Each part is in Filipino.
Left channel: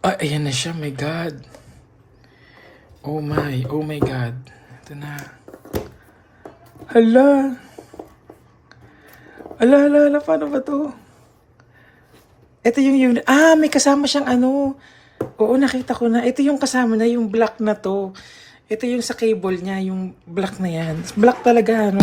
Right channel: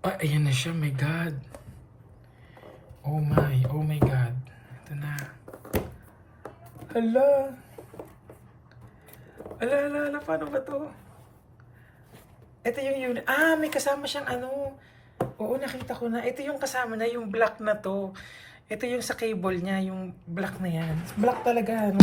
Ay, ayan na siya, my God. Oh my God. Ito na. Hala. Hala, paano ba to? Ito yung unit. May kasama siyang ano. Oo, nakita ko na. Ito yung kasama na, yung black na to. Ito yung sa cable niya, yung black na yan. Black talaga, ano.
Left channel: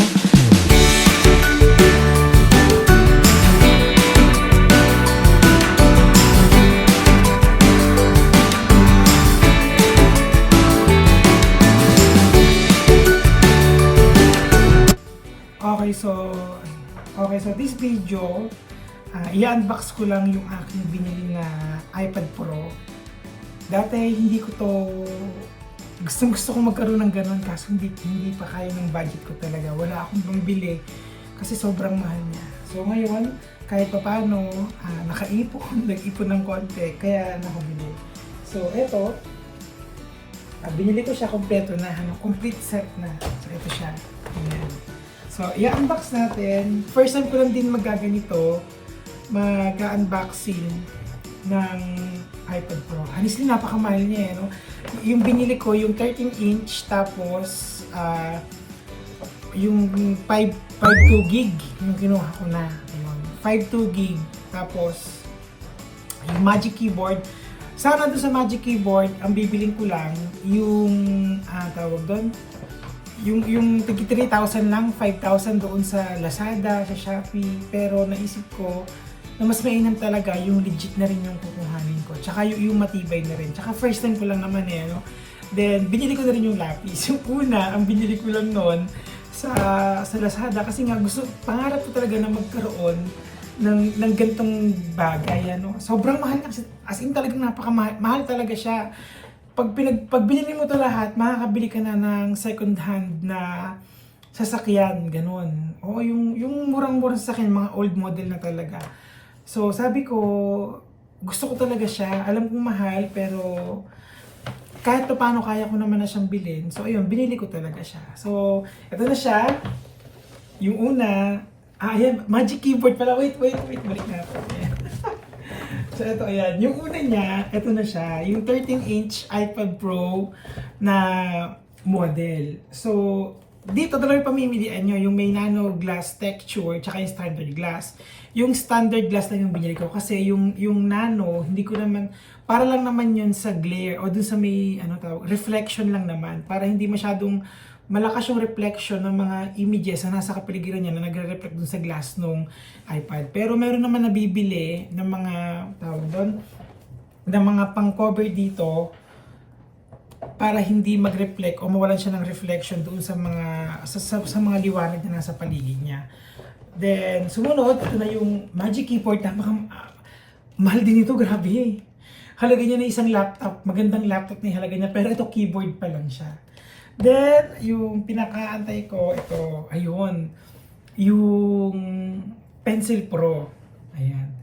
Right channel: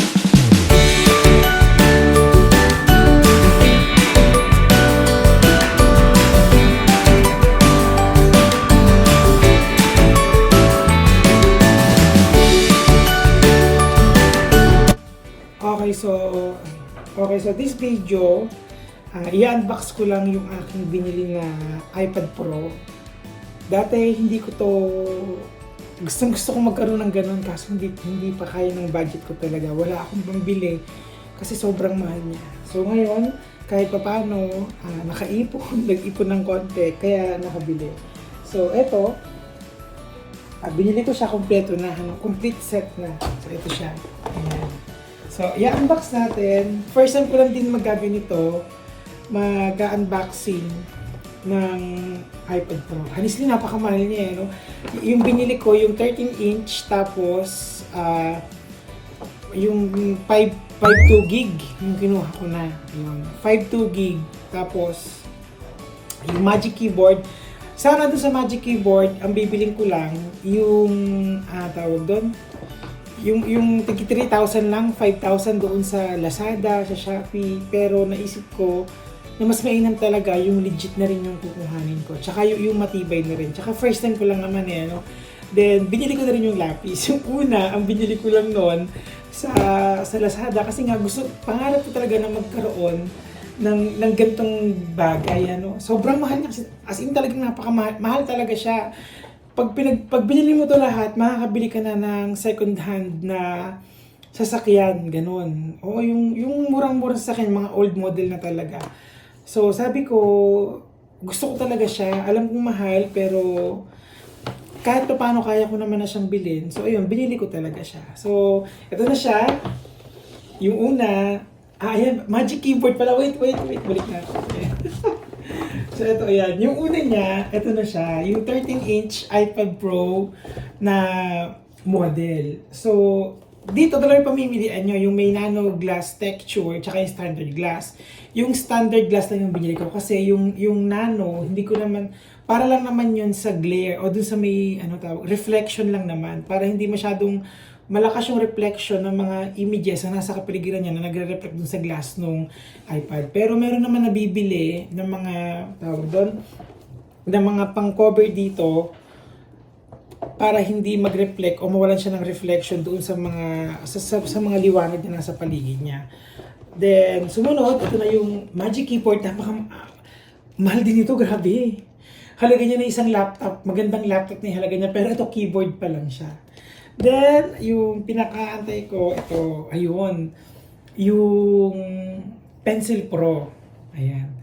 Okay, so this video, i-unbox ko lang yung aking binili na iPad Pro. Dati hindi ko to, gusto kong magkaroon ng ganun kaso hindi pa kaya ng budget ko talaga. Wala akong pambili kasi sobrang mahal niya. So ngayon, kahit pa paano, nakaipon, nag-ipon ng konti, kaya nakabili. So eto, binili ko siya kompleto na, complete set na. So ito siya. Ayan. So, i-unbox natin. First time ko lang din magaganito, mag-unboxing ng iPad Pro. Honestly, napakamahal niya, no? Yung binili ko, yung 13-inch, tapos, yung 512 gig, yung kinuha ko na. Ayun, 512 gig, tapos, yung Magic Keyboard. Sana doon sa Magic Keyboard, ang bibiling ko lang, yung, tawag doon, yung tigi 3,000 lang, 5,000 doon sa Lazada, sa Shopee, pero naisip ko na mas mainam talaga yung legit na rin yung kukuhanin ko. Tsaka yung matibay na rin. Tsaka first time ko lang naman no. Then, binili ko na rin yung lapis. Yung una, ang binili ko lang noon sa Lazada kasi nga pangarap ko talaga na magkaroon ng gantong bagay, ano. Sobrang mahal na, as in talagang mahal talaga siya. Pag binili mo to lahat, makakabili ka na ng second hand na sasakyan, ganun. O yung murang-murang sasakyan, mga old model na talaga. So sabi ko, gusto ko talaga siya. Alam kong mahal, pero kahit pa paano kaya ko naman na siyang bilhin. So ayun, binili ko talaga siya. So ito na siya. Yung una, ayan, Magic Keyboard pala. Wait, balik natin. So ito, ayan. Yung una niya, ito na siya. Yung 13-inch iPad Pro na model. So, dito talaga pamimilian nyo. Yung may nano glass texture, tsaka yung standard glass. Yung standard glass lang yung binili ko. Kasi yung nano, hindi ko naman, para lang naman yun sa glare. O dun sa may, reflection lang naman. Para hindi masyadong malakas yung reflection ng mga images na nasa kapaligiran niya na nagre-reflect dun sa glass nung iPad. Pero meron naman nabibili ng mga ng mga pang-cover dito para hindi mag-reflect o mawalan siya ng reflection doon sa mga sa mga liwanag na nasa paligid niya. Then sumunod, ito na yung Magic Keyboard. Mahal din ito, grabe. Halaga niya na isang laptop, magandang laptop na halaga niya, pero ito keyboard pa lang siya. Then, yung pinakaantay ko, ito, ayun, yung Pencil Pro. Ayan.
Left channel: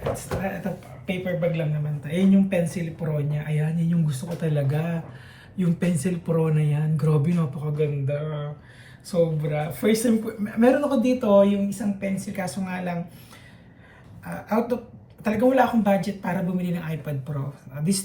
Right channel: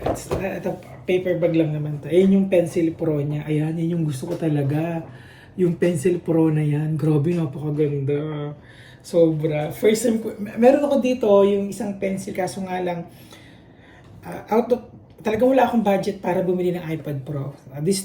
Ito, paper bag lang naman to. Ayan yung Pencil Pro niya. Ayan, yun yung gusto ko talaga. Yung Pencil Pro na yan. Grabe, napakaganda. Sobra. First time ko, meron ako dito yung isang pencil, kaso nga lang, talagang wala akong budget para bumili ng iPad Pro.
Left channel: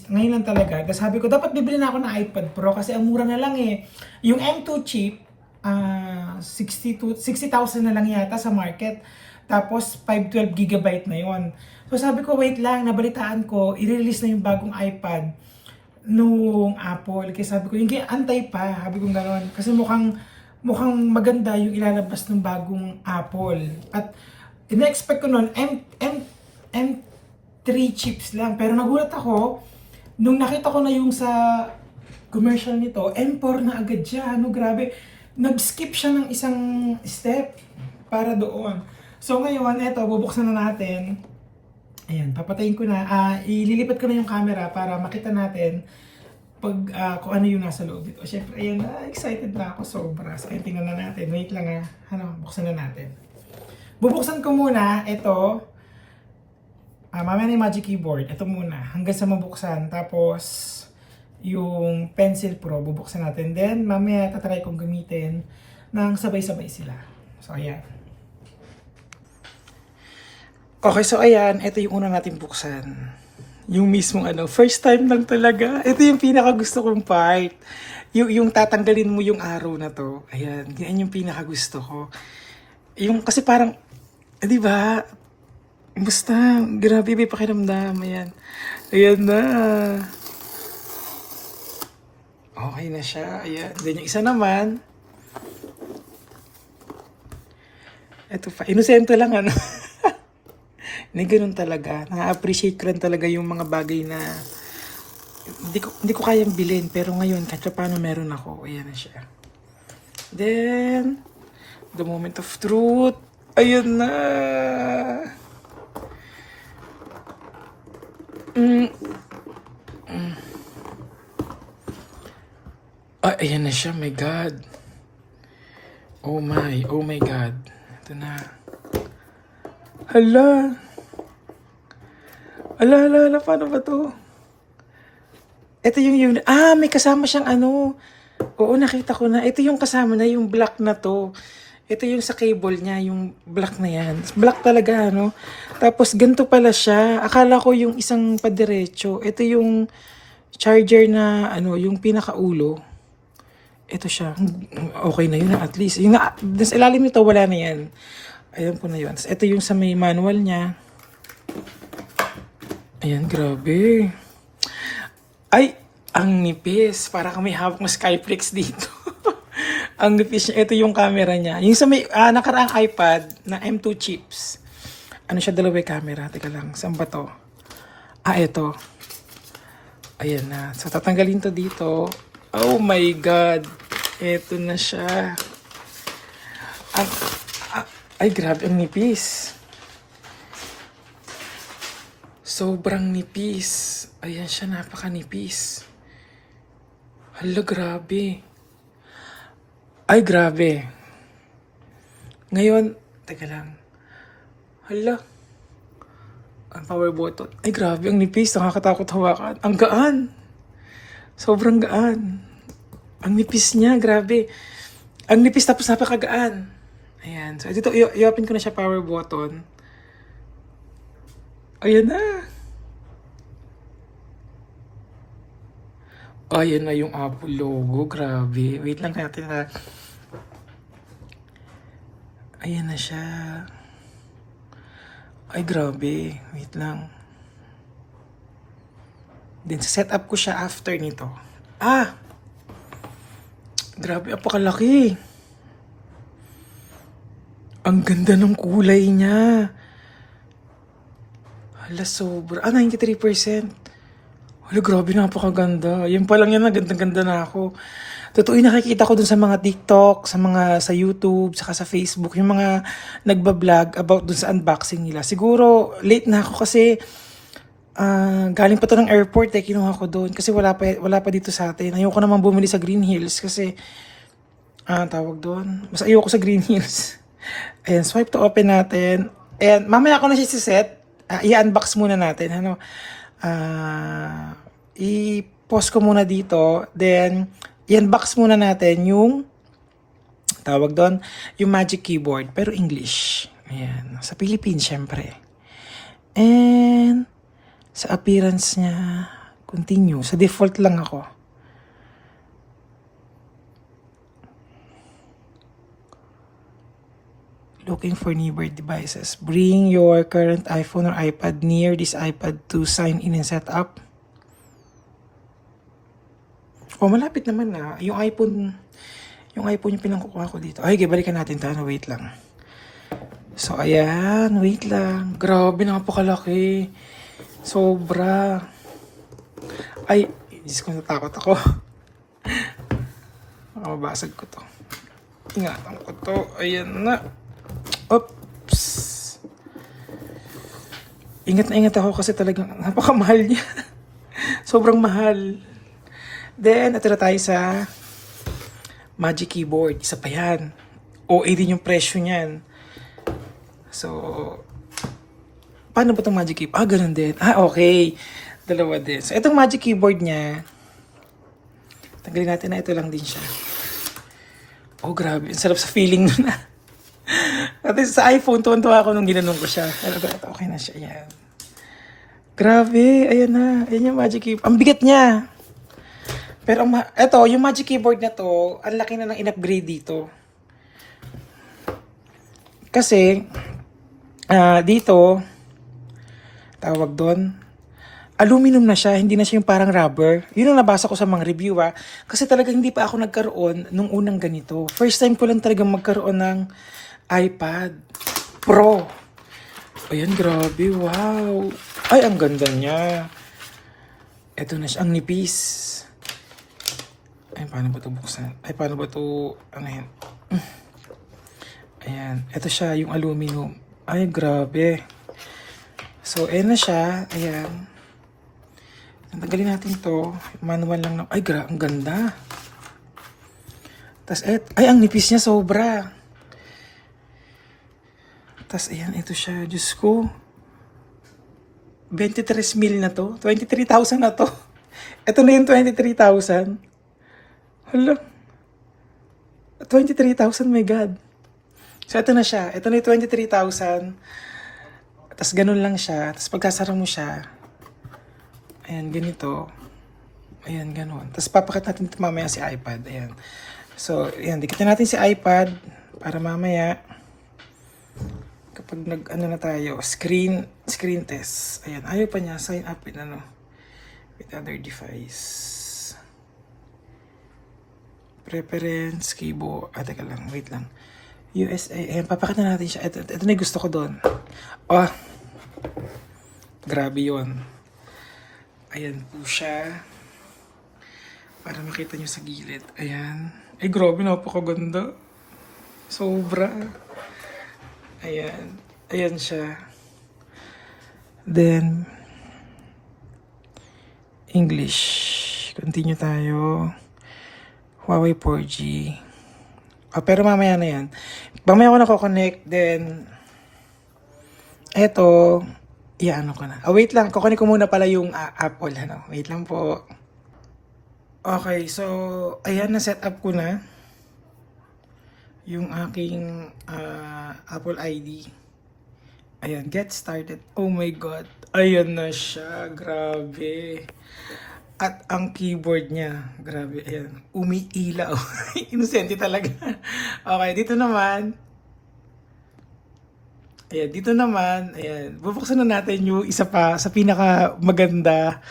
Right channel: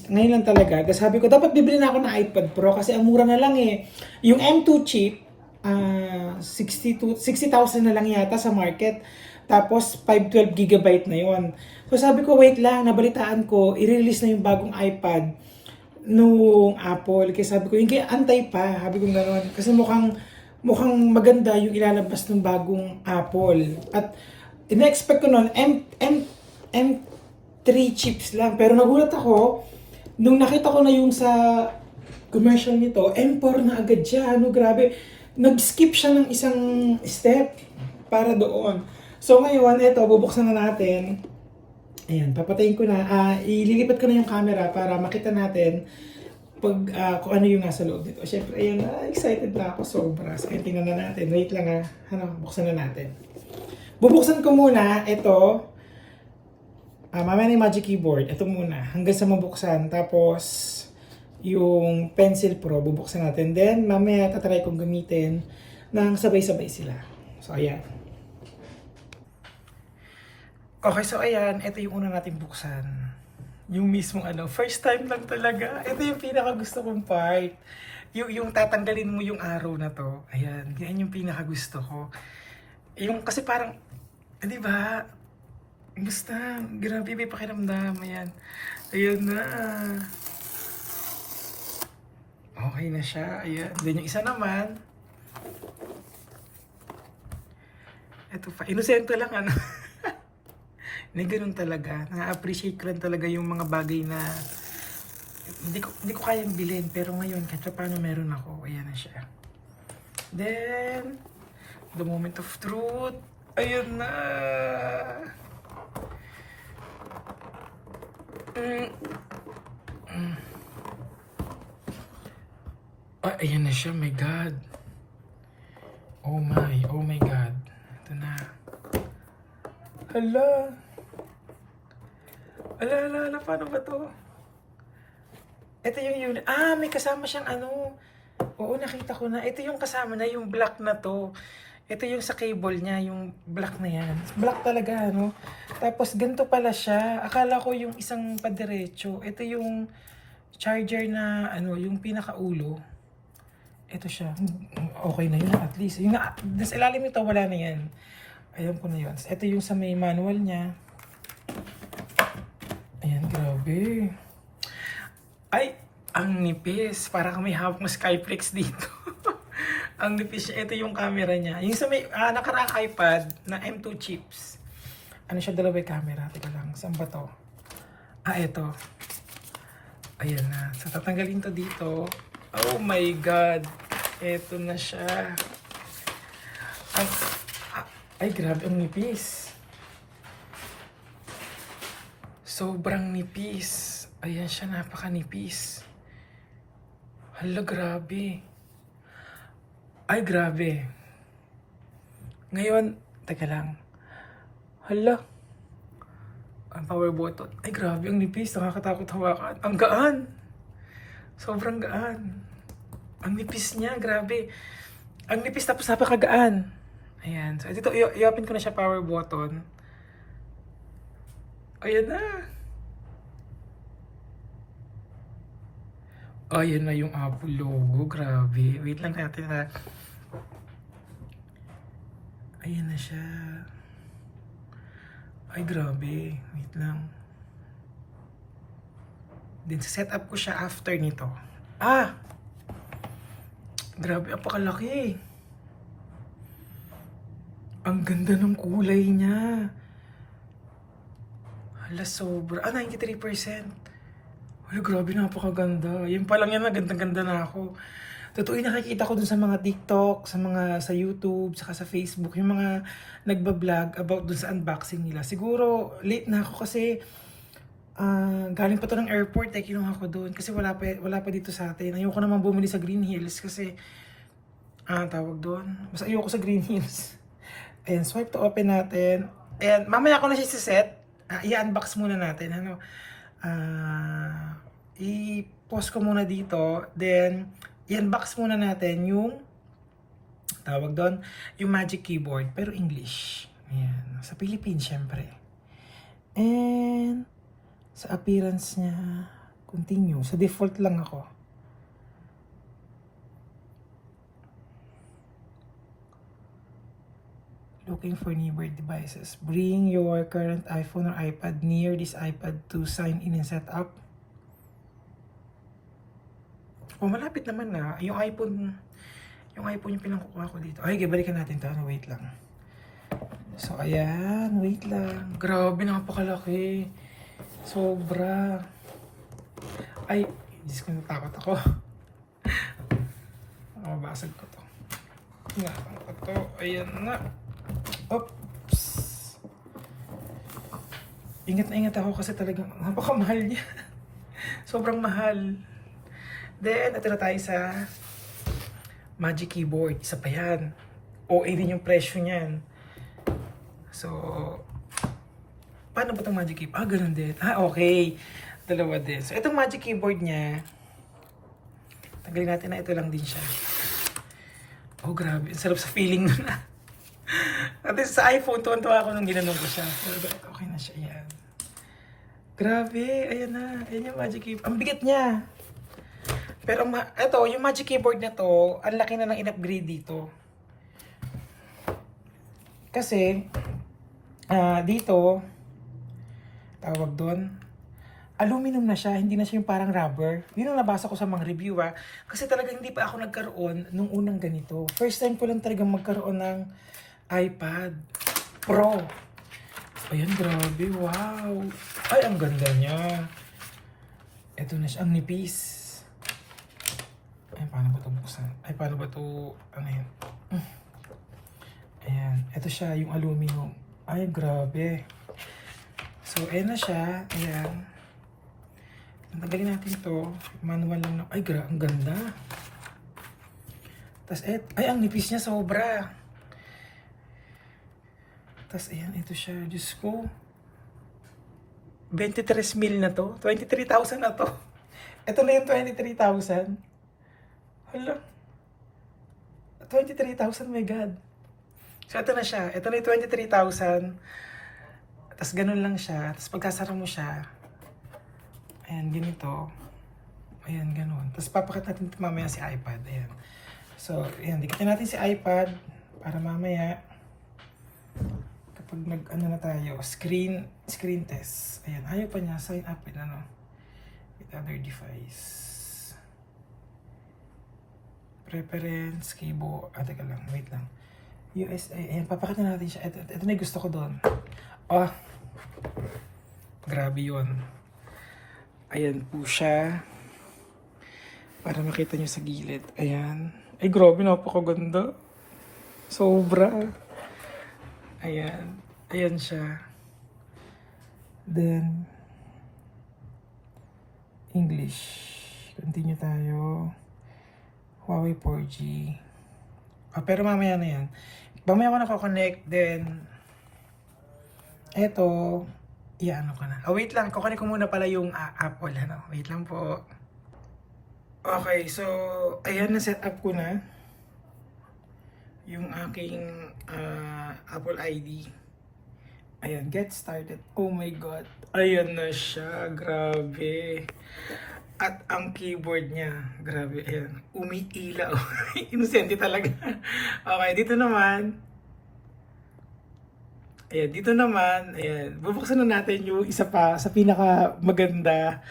Ngayon lang talaga. Kasi sabi ko, dapat bibili na ako ng iPad Pro kasi ang mura na lang eh. Yung M2 chip, 60,000 na lang yata sa market. Tapos 512 GB na yon. So sabi ko, wait lang, nabalitaan ko, i-release na yung bagong iPad nung Apple. Kaya sabi ko, hindi, antay pa. Sabi ko gano'n. Kasi mukhang maganda yung ilalabas ng bagong Apple. At ina-expect ko noon, M3 chips lang. Pero nagulat ako, nung nakita ko na yung sa commercial nito, M4 na agad siya. Grabe. Nag-skip siya ng isang step para doon. So ngayon, eto, bubuksan na natin. Ayan, papatayin ko na. Ililipat ko na yung camera para makita natin kung ano yung nasa loob nito. Siyempre, ayan, excited na ako sobra. So, ayan, tingnan na natin. Wait lang buksan na natin. Bubuksan ko muna ito. Mamaya na yung Magic Keyboard. Ito muna. Hanggang sa mabuksan. Tapos, yung Pencil Pro, bubuksan natin. Then, mamaya tatry kong gamitin ng sabay-sabay sila. So, ayan. Okay, so ayan. Ito yung una natin buksan. Yung mismong first time lang talaga. Ito yung pinaka gusto kong part. Yung tatanggalin mo yung arrow na to. Ayan, yan yung pinaka gusto ko. Yung kasi parang, di ba? Basta, grabe may pakiramdam. Ayan. Ayan na. Okay na siya. Ayan. Then yung isa naman, ito pa. Inosente lang Hindi ganun talaga. Na-appreciate ko lang talaga yung mga bagay na hindi ko kayang bilhin. Pero ngayon, kahit paano meron ako. Ayan na siya. Then, the moment of truth. Ayun na. Ayan na siya. My God. Oh my God. Ito na. Hala. Ala, paano ba to? Ito yung may kasama siyang Oo, nakita ko na. Ito yung kasama na, yung black na to. Ito yung sa cable niya, yung black na yan. Black talaga, Tapos, ganito pala siya. Akala ko yung isang padiretso. Ito yung charger na, yung pinakaulo. Ito siya. Okay na yun, at least. Yung sa ilalim nito, wala na yan. Ayan po na yun. Ito yung sa may manual niya. Ayan, grabe. Ay, ang nipis. Para kami hawak ng Skyflex dito. Ang nipis niya. Ito yung camera niya. Yung sa may nakaraang iPad na M2 chips. Siya, dalawa camera. Teka lang, saan ba to? Ito. Ayan na. So, tatanggalin to dito. Oh my God. Ito na siya. Ay, grabe ang nipis. Sobrang nipis. Ayan siya, napakanipis. Hala, grabe. Ay, grabe. Ngayon, teka lang. Hala. Ang power button. Ay, grabe, ang nipis. Nakakatakot hawakan. Ang gaan. Sobrang gaan. Ang nipis niya, grabe. Ang nipis tapos napakagaan. Ayan. So, dito, i-open ko na siya power button. Ayan na. Ayan na yung Apple logo. Grabe. Wait lang natin na. Ayan na siya. Ay, grabe. Wait lang. Then, set up ko siya after nito. Grabe, apakalaki. Ang ganda ng kulay niya. Hala, sobra. 93%. Hala, grabe, napakaganda. Yan pa lang yan, ganda-ganda na ako. Totoo yung nakikita ko dun sa mga TikTok, sa YouTube, saka sa Facebook, yung mga nagbablog about dun sa unboxing nila. Siguro, late na ako kasi galing pa to ng airport kinuha ko doon kasi wala pa dito sa atin. Ayoko naman bumili sa Green Hills kasi tawag doon. Mas ayoko sa Green Hills. Ayan, swipe to open natin. And mamaya ako na siset. I-unbox muna natin. I-pause ko muna dito. Then, i-unbox muna natin yung tawag doon, yung Magic Keyboard. Pero English. Ayan. Sa Philippines, syempre. And, sa appearance niya, continue. Sa default lang ako. Looking for neighbor devices. Bring your current iPhone or iPad near this iPad to sign in and set up. Malapit naman na. Yung iPhone yung pinangkukuha ko dito. Ay, balikan natin ito. Wait lang. So, ayan. Wait lang. Grabe, napakalaki. Sobra. Ay, Diyos ko, natakot ako. Mabasag ko to. Ingatan ko to. Ayan na. Oops. Ingat na ingat ako kasi talagang napakamahal niya. Sobrang mahal. Then, ito na tayo sa Magic Keyboard. Isa pa yan. OA din yung presyo niyan. So, paano ba itong Magic Keyboard? Ganun din. Okay. Dalawa din. So, itong Magic Keyboard niya, tanggalin natin na ito lang din siya. Oh, grabe. Ang sarap sa feeling nun. At sa iPhone, tuwan-tuwa ako nung ginanong ko siya. Okay na siya. Yan. Grabe, ayan na. Ayan yung Magic Keyboard. Ang bigat niya. Pero eto, yung Magic Keyboard na to, ang laki na ng in-upgrade dito. Kasi, dito, tawag doon, aluminum na siya, hindi na siya yung parang rubber. Yun ang nabasa ko sa mga review Kasi talaga hindi pa ako nagkaroon nung unang ganito. First time ko lang talaga magkaroon ng iPad Pro. Ayan, grabe, wow. Ay, ang ganda niya. Ito na siya, ang nipis. Ay, paano ba ito buksan? Ay, paano ba ito, ano yan? Ayan, ito siya, yung aluminum. Ay, grabe. So, ayan na siya. Ayan. Tanggalin natin to. Manual lang na. Ay, ang ganda. Tapos, ay, ang nipis niya sobra. Tapos, ayan, ito siya. Diyos ko. 23 mil na to. 23,000 na to. Ito na yung 23,000. Hala. 23,000, my God. So, ito na siya. Ito na yung 23,000. Tapos, ganun lang siya. Tapos, pagkasara mo siya, ayan, ganito. Ayan, ganun. Tapos, papakita natin ito mamaya si iPad. Ayan. So, ayan, dikit natin si iPad para mamaya kapag nag-ano na tayo, screen test. Ayan, ayaw pa niya sign up with other device. Preference, keyboard. Teka lang, wait lang. USA, ayan, papakita natin siya. Ito na yung gusto ko doon. Oh, grabe yun. Ayan po siya. Para makita nyo sa gilid. Ayan. Ay, grabe, napakaganda. Sobra. Ayan. Ayan siya. Then, English. Continue tayo. Huawei 4G. Pero mamaya na yan. Mamaya ako nako-connect. Then, eto, ano ko na. Wait lang. Kukunin ko muna pala yung Apple. Wait lang po. Okay, so, ayan, na-set up ko na yung aking Apple ID. Ayan, get started. Oh my God. Ayan na siya. Grabe. At ang keyboard niya, grabe, ayan, umiilaw. Inosente talaga. Okay, dito naman. Ayan, bubuksan na natin yung isa pa sa pinaka maganda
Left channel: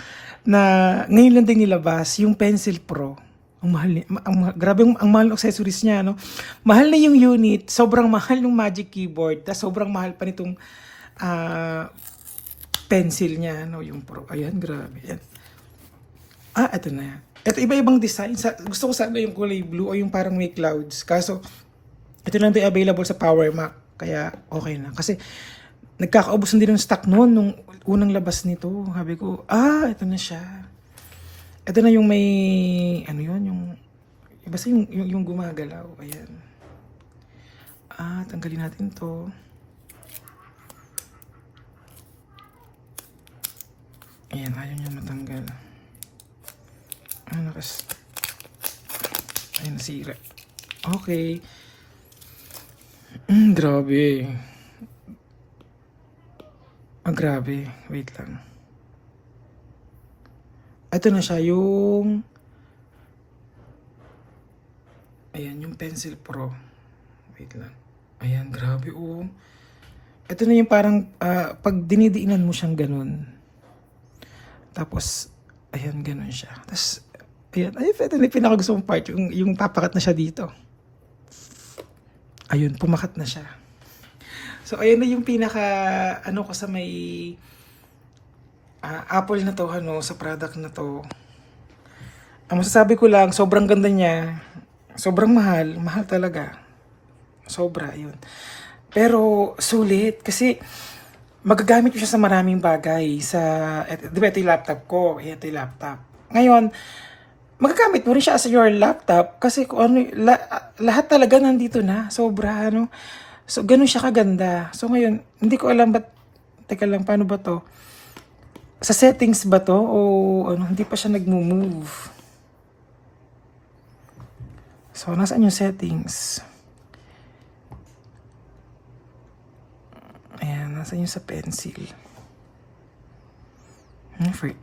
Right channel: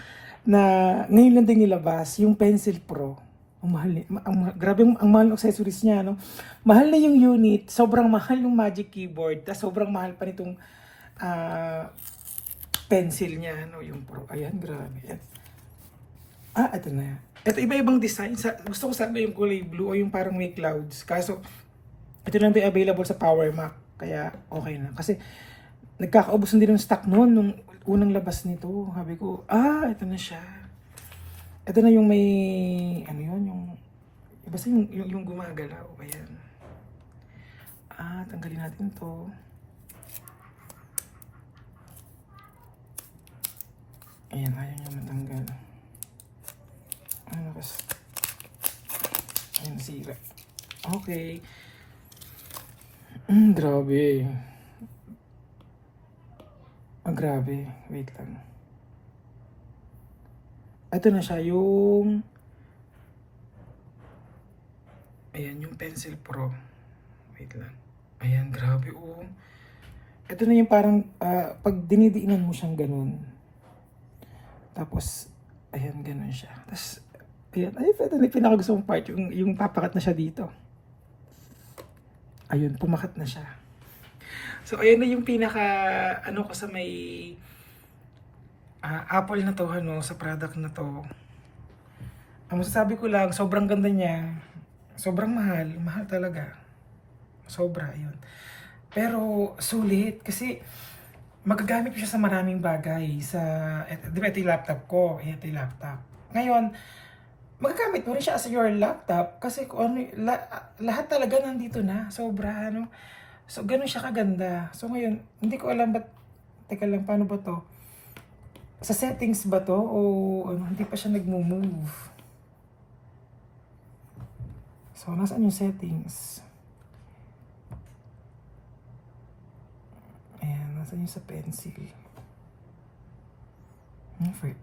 na ngayon lang din nilabas, yung Pencil Pro. Ang mahal niya, grabe ang mahal ng accessories niya, no? Mahal na yung unit, sobrang mahal ng Magic Keyboard, tas sobrang mahal pa nitong pencil niya, no? Yung Pro. Ayan, grabe. Ayan. Ito na. Ito iba-ibang design. Gusto ko sana yung kulay blue o yung parang may clouds. Kaso, ito lang din available sa Power Mac. Kaya okay na. Kasi, nagkakaubos din ng stock noon nung unang labas nito. Sabi ko, ito na siya. Ito na yung may, ano yun, basta yung gumagalaw. Ayan. Tanggalin natin to. Ayan, ayaw niya matanggal. Ayun, nasira. Okay. Grabe. Grabe. Wait lang. Ito na siya yung... Ayan, yung Pencil Pro. Wait lang. Ayan, grabe. Ito na yung parang pag dinidiinan mo siyang ganun. Tapos, ayan, ganun siya. Tapos, ayan, ito na yung pinakagusto mong part, yung papakat na siya dito. Ayun, pumakat na siya. So, ayan na yung pinaka, ko sa may Apple na to, sa product na to. Ang masasabi ko lang, sobrang ganda niya. Sobrang mahal. Mahal talaga. Sobra, yun. Pero, sulit. Kasi, magagamit ko siya sa maraming bagay. Di ba ito yung laptop ko? Ito yung laptop. Ngayon, magagamit mo rin siya as your laptop kasi kung ano, lahat talaga nandito na. Sobra, So, ganun siya kaganda. So, ngayon, hindi ko alam teka lang, paano ba to? Sa settings ba to? O hindi pa siya nag-move? So, nasaan yung settings? Ayan, nasaan yung sa pencil? Free.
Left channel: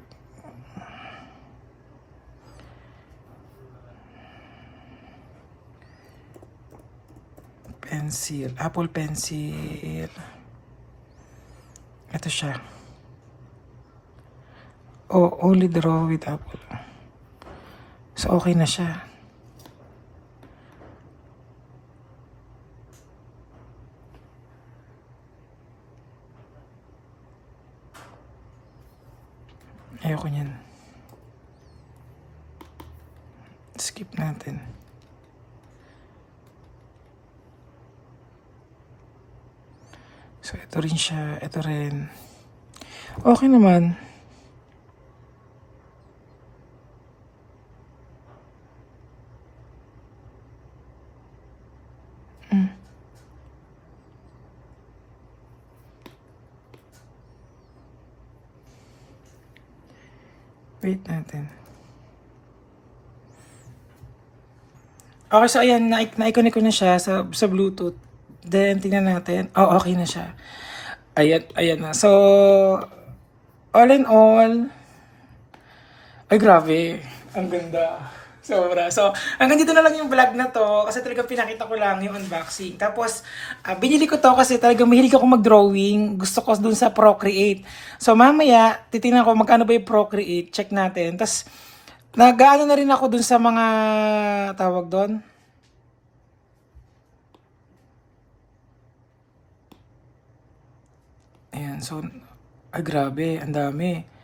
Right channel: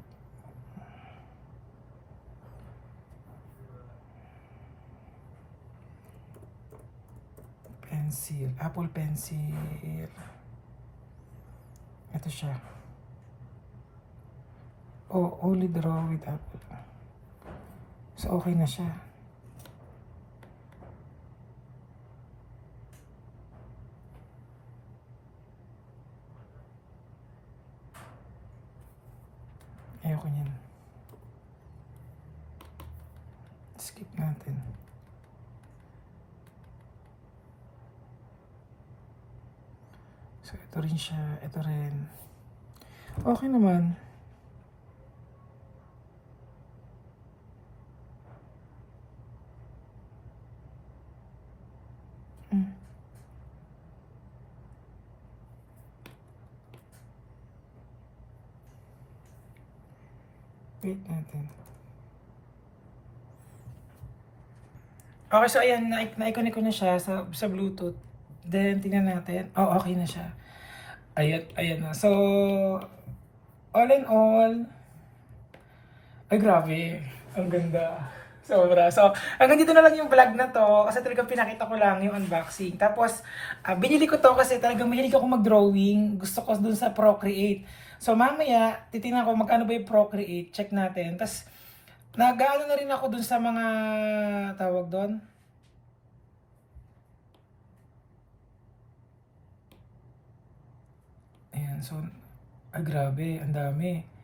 Pencil. Apple pencil. Ito siya. Oh, only draw with apple. So, okay na siya. Ayoko niyan. Skip natin. So, ito rin siya. Ito rin. Okay naman. Wait natin. Okay, so ayan, na-connect ko na siya sa Bluetooth. Then, tingnan natin. Oh, okay na siya. Ayan na. So, all in all, ay grabe, ang ganda. Sobra. So, hanggang dito na lang yung vlog na to kasi talagang pinakita ko lang yung unboxing. Tapos, binili ko to kasi talagang mahilig ako mag-drawing. Gusto ko dun sa Procreate. So, mamaya, titingnan ko magkano ba yung Procreate. Check natin. Tapos, nag-ano na rin ako dun sa mga tawag doon. Ayan. So, ay grabe. Ang dami.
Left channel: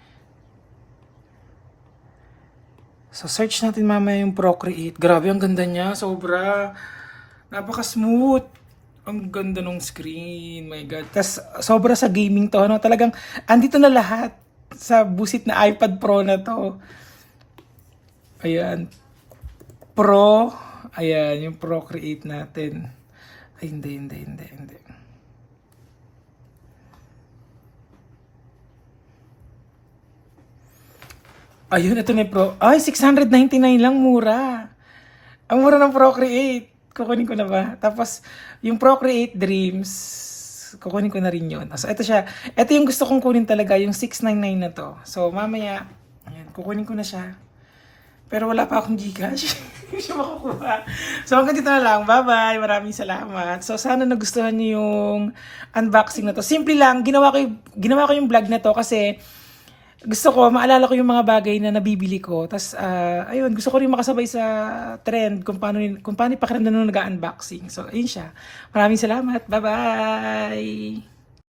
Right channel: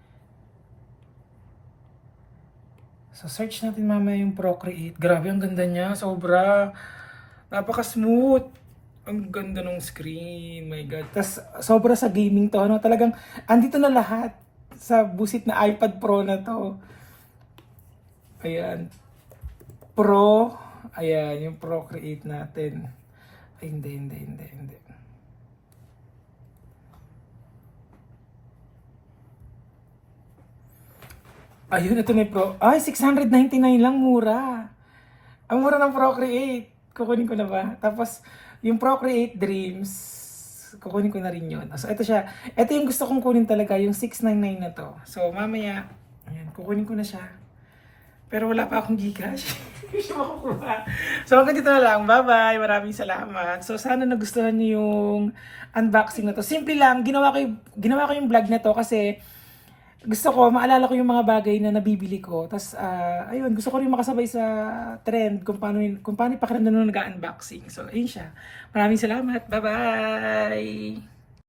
So, search natin mamaya yung Procreate. Grabe, ang ganda niya. Sobra. Napaka-smooth. Ang ganda ng screen. My God. Tapos, sobra sa gaming to. Ano, talagang, andito na lahat sa busit na iPad Pro na to. Ayan. Pro. Ayan, yung Procreate natin. Ay, hindi. Ayun, ito na yung Pro. Ay, 699 lang, mura. Ang mura ng Procreate. Kukunin ko na ba? Tapos, yung Procreate Dreams, kukunin ko na rin yun. So, ito siya. Ito yung gusto kong kunin talaga, yung 699 na to. So, mamaya, ayan, kukunin ko na siya. Pero wala pa akong Gcash. Hindi siya makukuha. So, hanggang dito na lang. Bye-bye. Maraming salamat. So, sana nagustuhan niyo yung unboxing na to. Simple lang. Ginawa ko yung vlog na to kasi gusto ko, maalala ko yung mga bagay na nabibili ko. Tapos, ayun, gusto ko rin makasabay sa trend kung paano pakiramdam nung nag-unboxing. So, ayun siya. Maraming salamat. Bye-bye!